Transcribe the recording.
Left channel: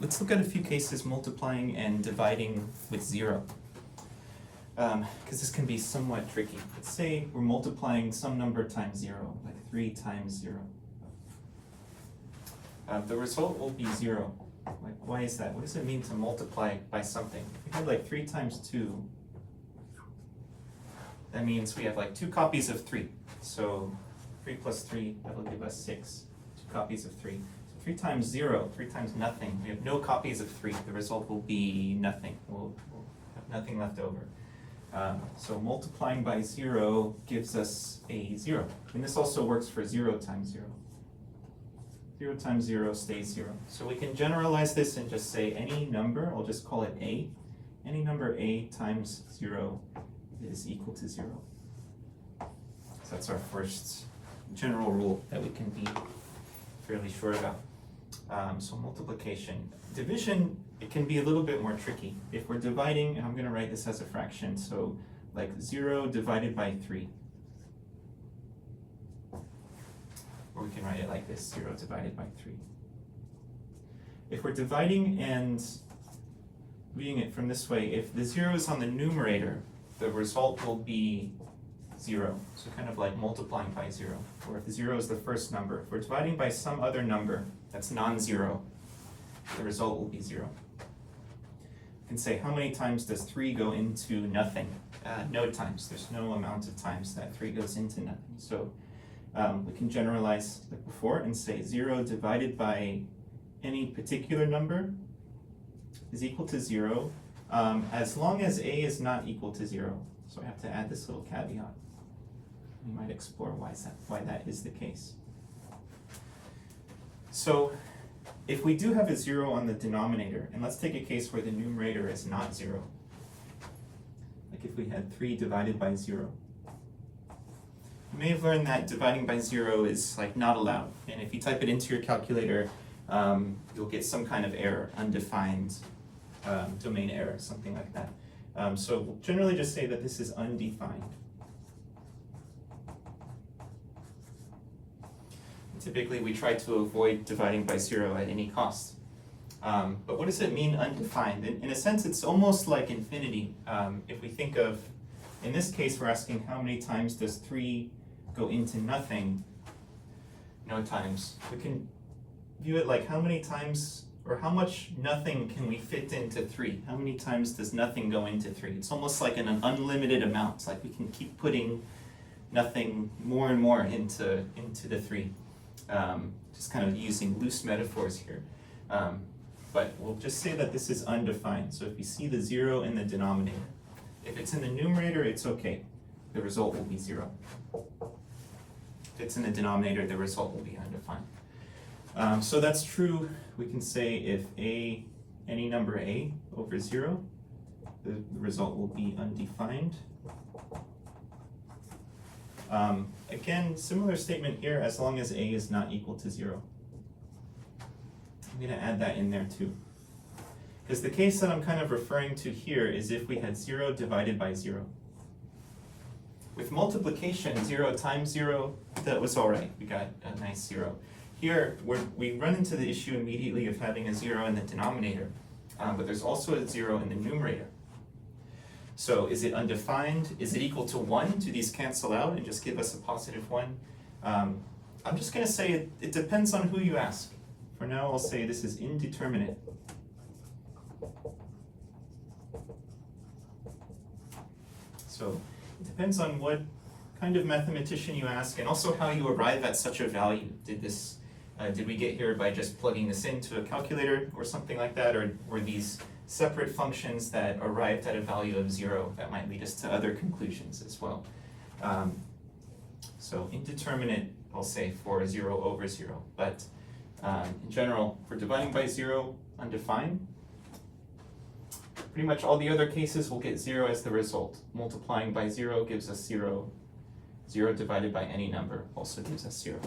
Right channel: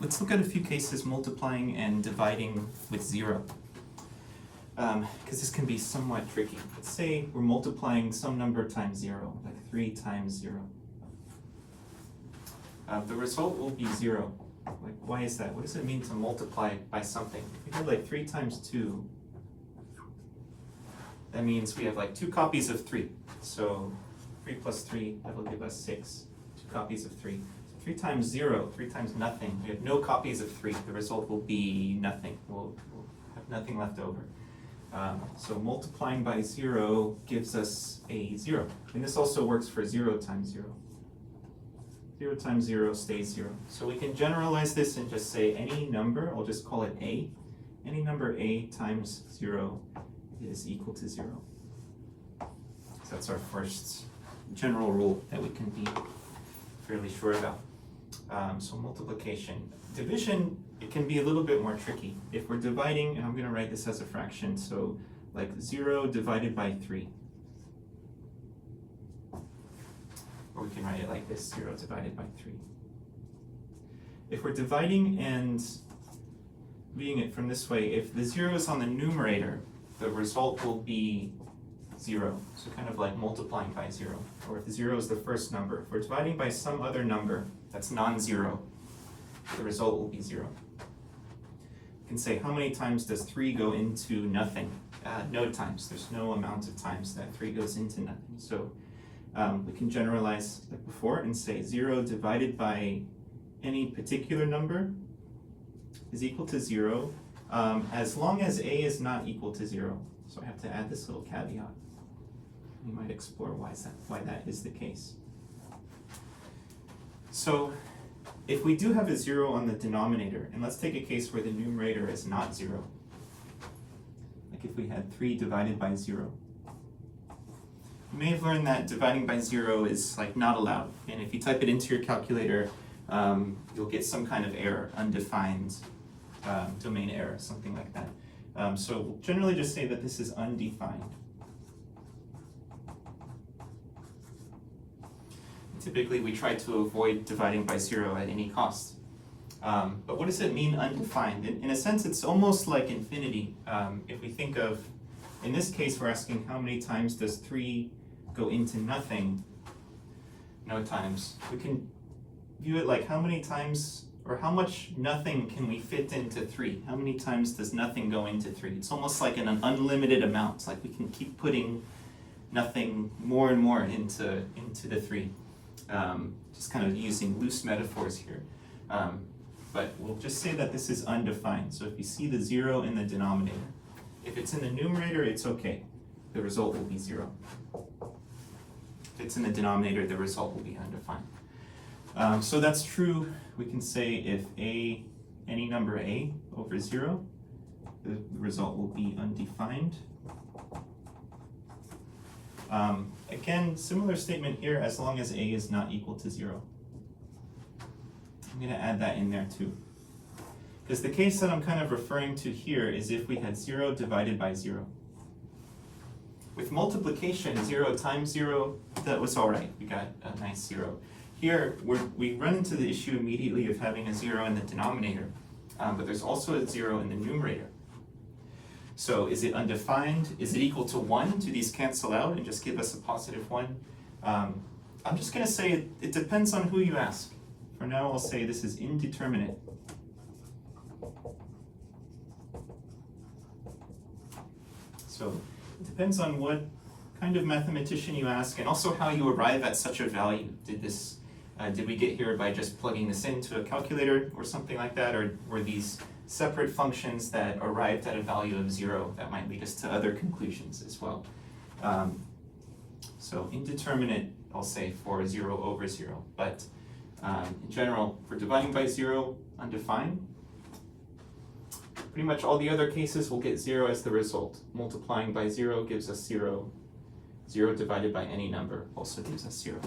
let's look at a few cases multiplying and dividing with 0. Because this can be somewhat tricky. Let's say we're multiplying some number times 0, like 3 times 0. The result will be 0. Like, why is that? What does it mean to multiply by something? If we had like 3 times 2, that means we have like 2 copies of 3. So 3 plus 3, that will give us 6. 2 copies of 3. 3 times 0, 3 times nothing. We have no copies of 3. The result will be nothing. We'll have nothing left over. So multiplying by 0 gives us a 0. And this also works for 0 times 0. 0 times 0 stays 0. So we can generalize this and just say any number, I'll just call it a. Any number a times 0 is equal to 0. So that's our first general rule that we can be fairly sure about. So multiplication. Division, it can be a little bit more tricky. If we're dividing, and I'm going to write this as a fraction, so like 0 divided by 3. Or we can write it like this, 0 divided by 3. If we're dividing and viewing it from this way, if the 0 is on the numerator, the result will be 0. So kind of like multiplying by 0. Or if 0 is the first number. If we're dividing by some other number that's non-zero, the result will be 0. You can say, how many times does 3 go into nothing? No times. There's no amount of times that 3 goes into nothing. So we can generalize like before and say 0 divided by any particular number is equal to 0 as long as a is not equal to 0. So I have to add this little caveat. We might explore why that is the case. So if we do have a 0 on the denominator, and let's take a case where the numerator is not 0, like if we had 3 divided by 0. You may have learned that dividing by 0 is like not allowed, and if you type it into your calculator, you'll get some kind of error, undefined domain error, something like that. So we'll generally just say that this is undefined. Typically, we try to avoid dividing by 0 at any cost. But what does it mean, undefined? In a sense, it's almost like infinity. If we think of, in this case, we're asking how many times does 3 go into nothing? No times. We can view it like how many times, or how much nothing can we fit into 3? How many times does nothing go into 3? It's almost like an unlimited amount. Like we can keep putting nothing more and more into the 3. Just kind of using loose metaphors here. But we'll just say that this is undefined. So if you see the 0 in the denominator, if it's in the numerator, it's okay. The result will be 0. If it's in the denominator, the result will be undefined. So that's true. We can say if any number a over 0, the result will be undefined. Again, similar statement here, as long as a is not equal to 0. I'm going to add that in there too. Because the case that I'm kind of referring to here is if we had 0 divided by 0. With multiplication, 0 times 0, that was all right. We got a nice 0. Here, we run into the issue immediately of having a 0 in the denominator, but there's also a 0 in the numerator. So is it undefined? Is it equal to 1? Do these cancel out and just give us a positive 1? I'm just going to say it depends on who you ask. For now, I'll say this is indeterminate. So it depends on what kind of mathematician you ask, and also how you arrive at such a value. Did we get here by just plugging this into a calculator or something like that, or were these separate functions that arrived at a value of 0 that might lead us to other conclusions as well? So indeterminate, I'll say, for 0 over 0, but in general, for dividing by 0, undefined. Pretty much all the other cases will get 0 as the result. Multiplying by 0 gives us 0. 0 divided by any number also gives us 0.